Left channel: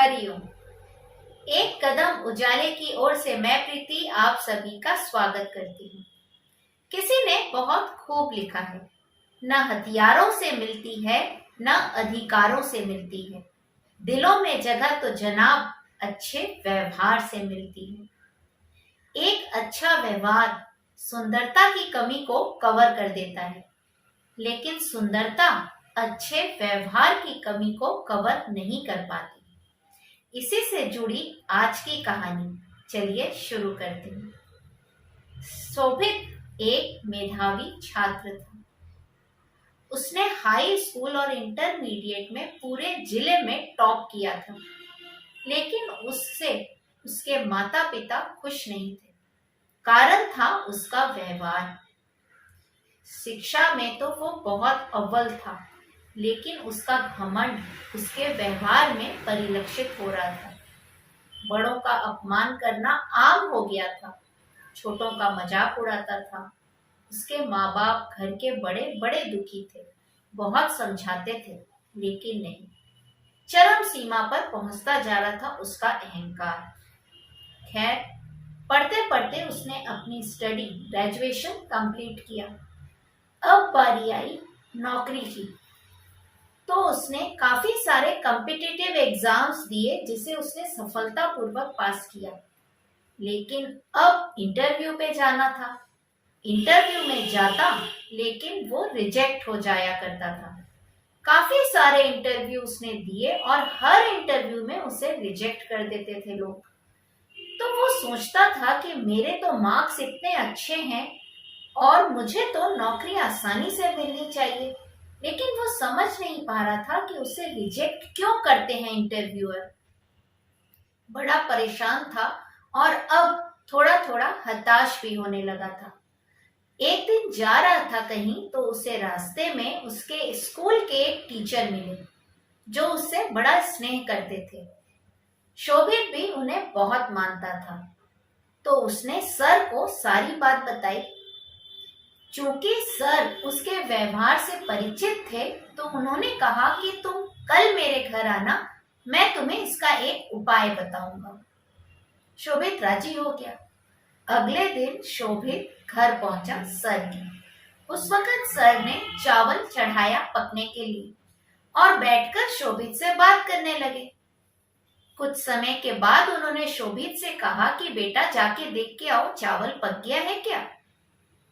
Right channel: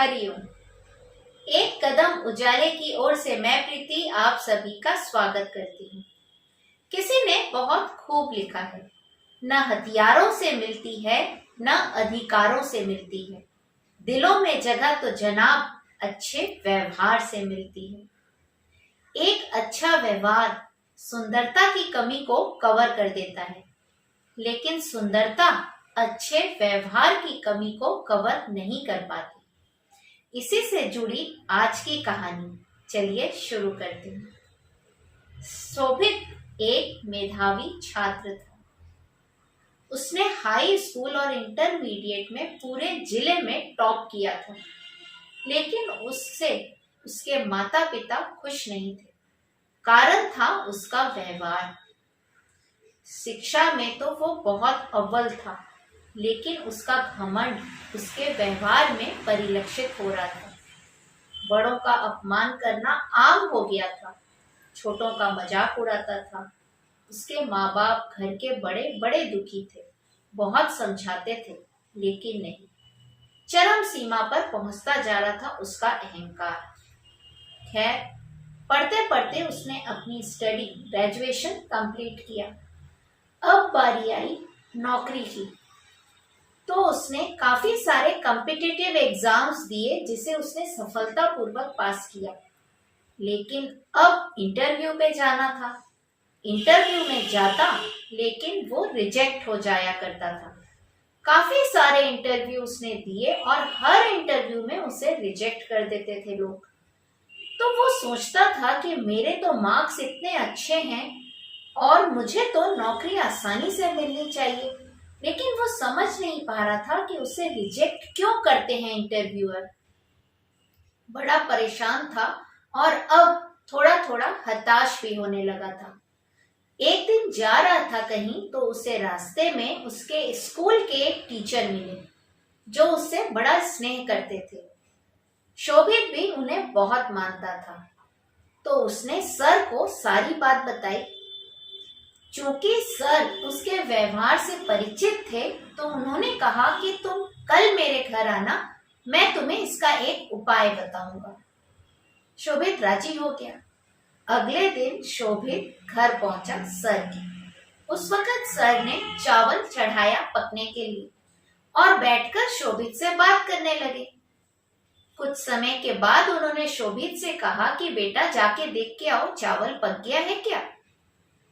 हरिओम। एक कदम उजाले की ओर से मैं प्रीति आप सभी का स्वागत करती हूँ। किसी ने बहुत खूब लिखा है, न हथियारों से मिलती है न अधिकारों से मिलती है, दिलों में जगह तो जनाब अच्छे व्यवहार से मिलती है। एक अच्छा व्यवहार सुंदरता की कमी को कवर कर देता है, लेकिन सुंदरता अच्छे व्यवहार की कमी को कवर नहीं कर पाती। इसी से जुड़ी आज की कहानी चलिए शुरू करते हैं। शोभित एक मेधावी छात्र था। उसने हाई स्कूल और इंटरमीडिएट में पूरे जिले में टॉप किया था, लेकिन उससे उसके माता पिता खुश नहीं थे। कारण था उसका व्यवहार। शिक्षा में तो वो बहुत अव्वल था, लेकिन उसका घमंड उसके व्यवहार में परिलक्षित हो रहा था। बड़ों का अपमान करना आम हो गया था, छोटों का मजाक उड़ाता था। उसके माँ बाप घर के बड़े बड़े दुखी थे, बहुत समझाते थे, लेकिन नहीं। चरम सीमा पर पहुंचता जा रहा था उसका अहंकार। खैर, पढ़ते पढ़ते उसने अपनी स्टडी ग्रेजुएशन कंप्लीट किया। अब बारी आई नौकरी की, तो उसने काफी सारे कॉम्पिटिटिव एग्जाम्स दिए, जिसे उसने सफलतापूर्वक पास किया। लेकिन अब इंटरव्यू पे जाना था। इंटरव्यू में जाता, लेकिन वो रिजेक्ट हो जाया करता था। काफी सारे इंटरव्यू उसने दिए और हर इंटरव्यू में उसे रिजेक्ट कर देते थे लोग। तो वो सोचता था कि मेरे तो मार्क्स इतने अच्छे हैं और मुझे तो नौकरी आसानी से मिलनी चाहिए, लेकिन वो समझ नहीं पा रहा था कि उसे रिजेक्ट क्यों करते हैं इंटरव्यूअर। बड़ा परेशान था और अब थोड़ा थोड़ा हताश भी होने लगा था। एक दिन जा रहा था कहीं, तो उसे रास्ते में उसके स्कूल के एक टीचर मिले, जो उससे बड़ा स्नेह करते थे। शोभित भी उन्हें बहुत मानता था, तो उसने सर को सारी बात बताई। चूंकि सर उसके व्यवहार से परिचित थे, तो उन्होंने कहा कि तुम कल मेरे घर आना, मैं तुम्हें इसका एक उपाय बताऊंगा। शोभित राजी हो गया। अगले दिन शोभित घर पहुंचा सर के। उस वक्त सर ने चावल चढ़ाया पकने के लिए और बैठकर शोभित से बात करने लगे। कुछ समय के बाद उन्होंने शोभित से कहा कि बेटा जाके देख के आओ, चावल पक गया है क्या।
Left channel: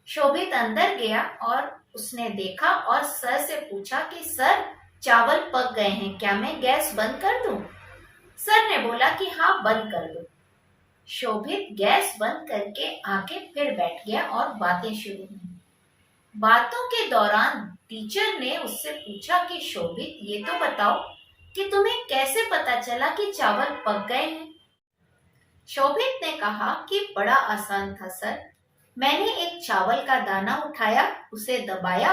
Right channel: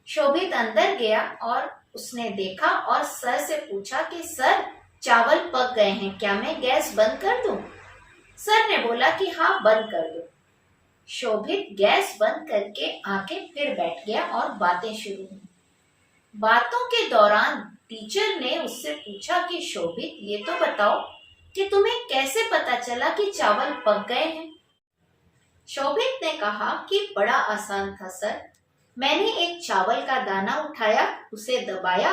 शोभित अंदर गया और उसने देखा और सर से पूछा कि सर, चावल पक गए हैं, क्या मैं गैस बंद कर दूं? सर ने बोला कि हाँ, बंद कर दो। शोभित गैस बंद करके आके फिर बैठ गया और बातें शुरू हुई। बातों के दौरान टीचर ने उससे पूछा कि शोभित, ये तो बताओ कि तुम्हें कैसे पता चला कि चावल पक गए हैं? शोभित ने कहा कि बड़ा आसान था सर, मैंने एक चावल का दाना उठाया, उसे दबाया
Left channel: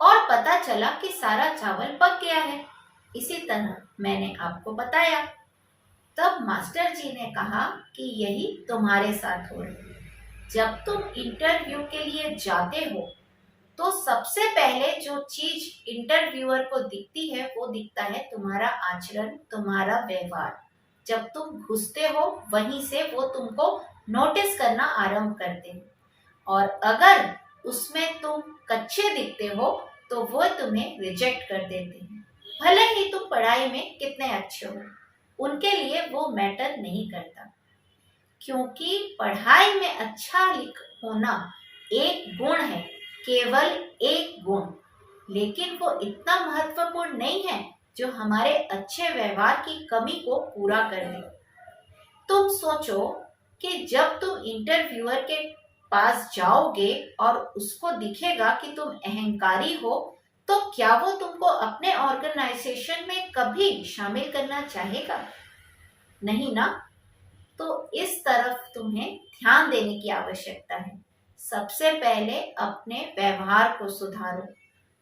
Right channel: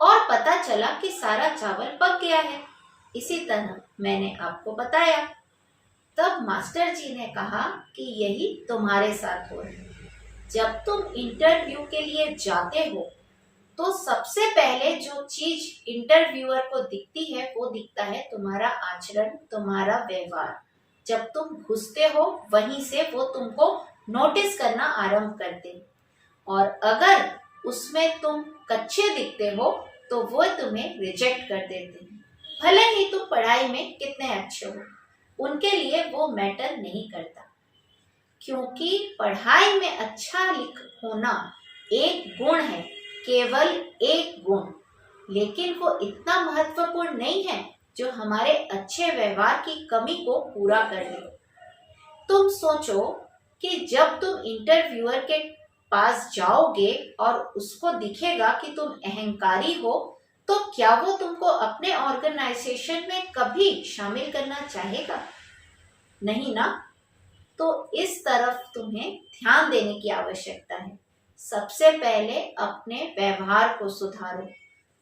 और पता चला कि सारा चावल पक गया है। इसी तरह मैंने आपको बताया। तब मास्टर जी ने कहा कि यही तुम्हारे साथ हो रहा है। जब तुम इंटरव्यू के लिए जाते हो, तो सबसे पहले जो चीज इंटरव्यूअर को दिखती है, वो दिखता है तुम्हारा आचरण, तुम्हारा व्यवहार। जब तुम घुसते हो, वहीं से वो तुमको नोटिस करना आरंभ करते हैं, और अगर उसमें तुम कच्चे दिखते हो, तो वो तुम्हें रिजेक्ट कर देते हैं। भले ही तुम पढ़ाई में कितने अच्छे हो, उनके लिए वो मैटर नहीं करता, क्योंकि पढ़ाई में अच्छा होना एक गुण है, केवल एक गुण, लेकिन वो इतना महत्वपूर्ण नहीं है जो हमारे अच्छे व्यवहार की कमी को पूरा कर दे। तुम सोचो कि जब तुम इंटरव्यूअर के पास जाओगे और उसको दिखेगा कि तुम अहंकारी हो, तो क्या वो तुमको अपने ऑर्गेनाइजेशन में कभी शामिल करना चाहेगा? नहीं ना। तो इस तरफ तुम्हें ध्यान देने की आवश्यकता है। सबसे पहले अपने व्यवहार को सुधारो,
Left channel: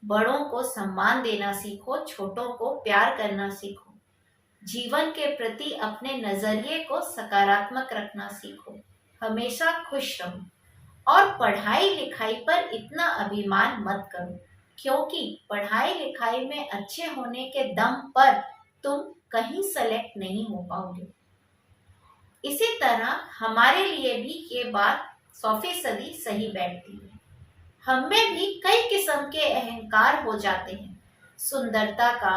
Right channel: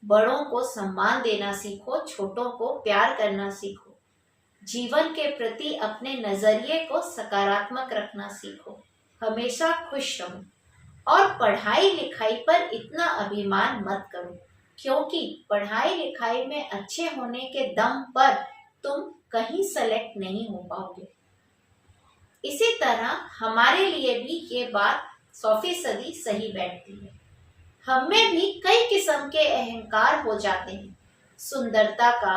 बड़ों को सम्मान देना सीखो, छोटों को प्यार करना सीखो, जीवन के प्रति अपने नजरिए को सकारात्मक रखना सीखो, हमेशा खुश रहो और पढ़ाई लिखाई पर इतना अभिमान मत करो, क्योंकि पढ़ाई लिखाई में अच्छे होने के दम पर तुम कहीं सेलेक्ट नहीं हो पाओगे। इसी तरह हमारे लिए भी ये बात 100% सही बैठती है। हम में भी कई किस्म के अहंकार हो जाते हैं, सुंदरता का,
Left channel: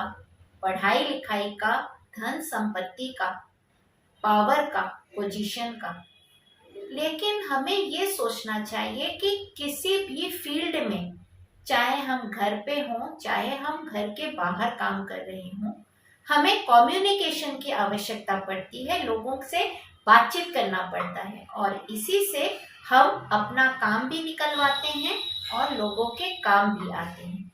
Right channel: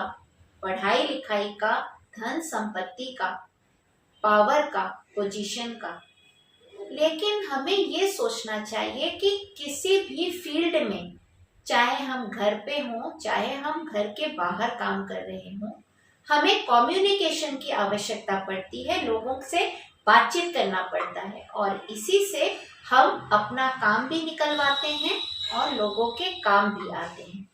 पढ़ाई लिखाई का, धन संपत्ति का, पावर का, पोजीशन का। लेकिन हमें ये सोचना चाहिए कि किसी भी फील्ड में, चाहे हम घर पे हों चाहे हम घर के बाहर काम कर रहे हों, हमें कम्युनिकेशन की आवश्यकता पड़ती है, लोगों से बातचीत करना पड़ता है और इसी से हम अपना काम भी निकलवाते हैं और लोगों के काम भी आते हैं।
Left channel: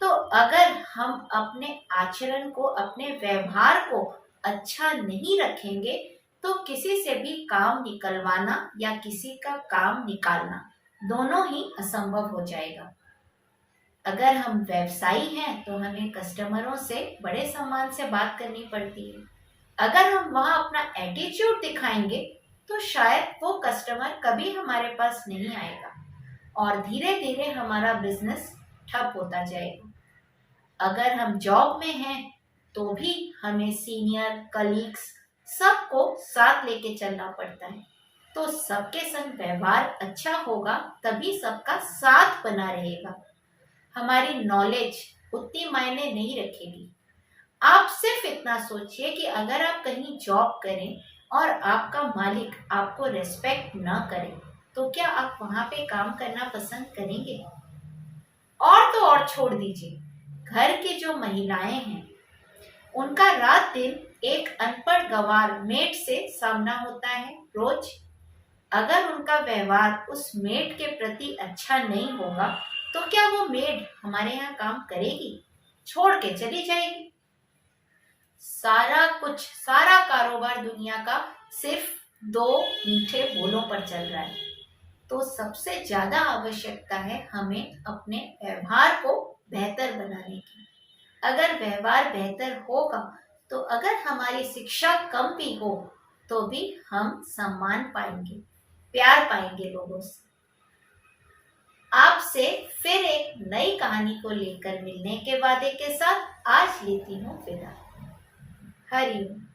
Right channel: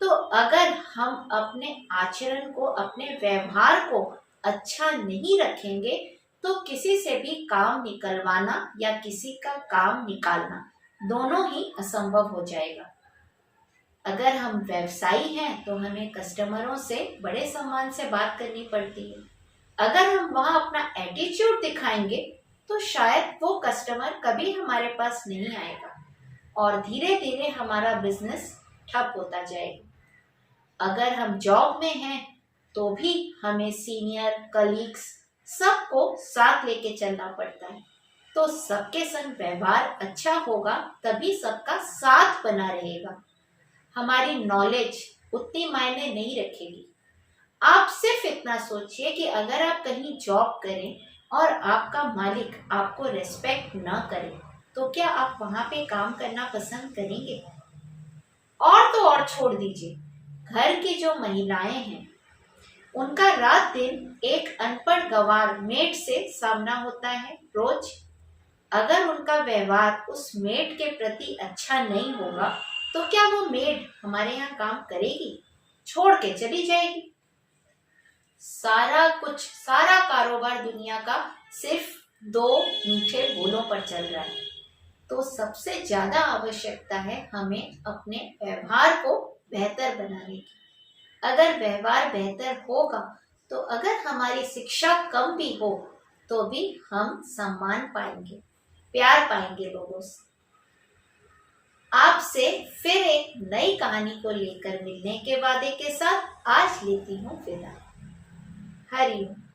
तो अगर हम अपने आचरण को, अपने व्यवहार को अच्छा नहीं रखेंगे तो किसी से भी काम निकलवाना या किसी का काम निकालना दोनों ही असंभव हो जाएगा। अगर हम व्यवसायी हैं तो हमें कस्टमरों से बड़े सम्मान से बात करनी पड़ती है। अगर हम वहां अपना एटीट्यूड दिखाएंगे तो शायद वो कस्टमर कभी हमारे पास नहीं आएगा और धीरे धीरे हमारा बिजनेस ठप होता जाएगा। अगर हम जॉब में हैं तो भी हमें सीनियर, कलीग्स सबको साथ लेके चलना पड़ता है। तो सबके संग व्यवहार अच्छा होगा तभी सबका साथ बना रहेगा। हमारी नॉलेज उतनी मायने नहीं रखेगी। आप सिर्फ इतना सोचिए कि अगर आप कहीं जॉब करें और आपका मालिक आपको रेस्पेक्ट ना करे तो क्या आप वहां पे काम करना पसंद करेंगे? और तो और छोड़ दीजिए, घर की जो महिलाएं हैं उनका रात दिन एक अनपढ़ गंवार मेड से सामना होता है रोज। अगर उनका व्यवहार उस मेड के प्रति अच्छा नहीं होगा तो क्या वो मेड हमारे यहाँ काम करेगी? छोड़ के चली जाएगी। सारा कुछ, सारा कारोबार दुनिया का सिर्फ 2 मीठे बोलों पर चल रहा है। तो सबसे ज्यादा आवश्यकता है हमें अपने व्यवहार को बेहतर बनाने की। अगर व्यवहार बेहतर होगा तो अगर हमारी शिक्षा कम भी हो तो भी हम सम्मान पाएंगे, प्यार पाएंगे लोगों से। आपसे फिर एक नई कहानी को लेकर मिलने के वादे के साथ आज लेती हूँ विदा। हरि ओम।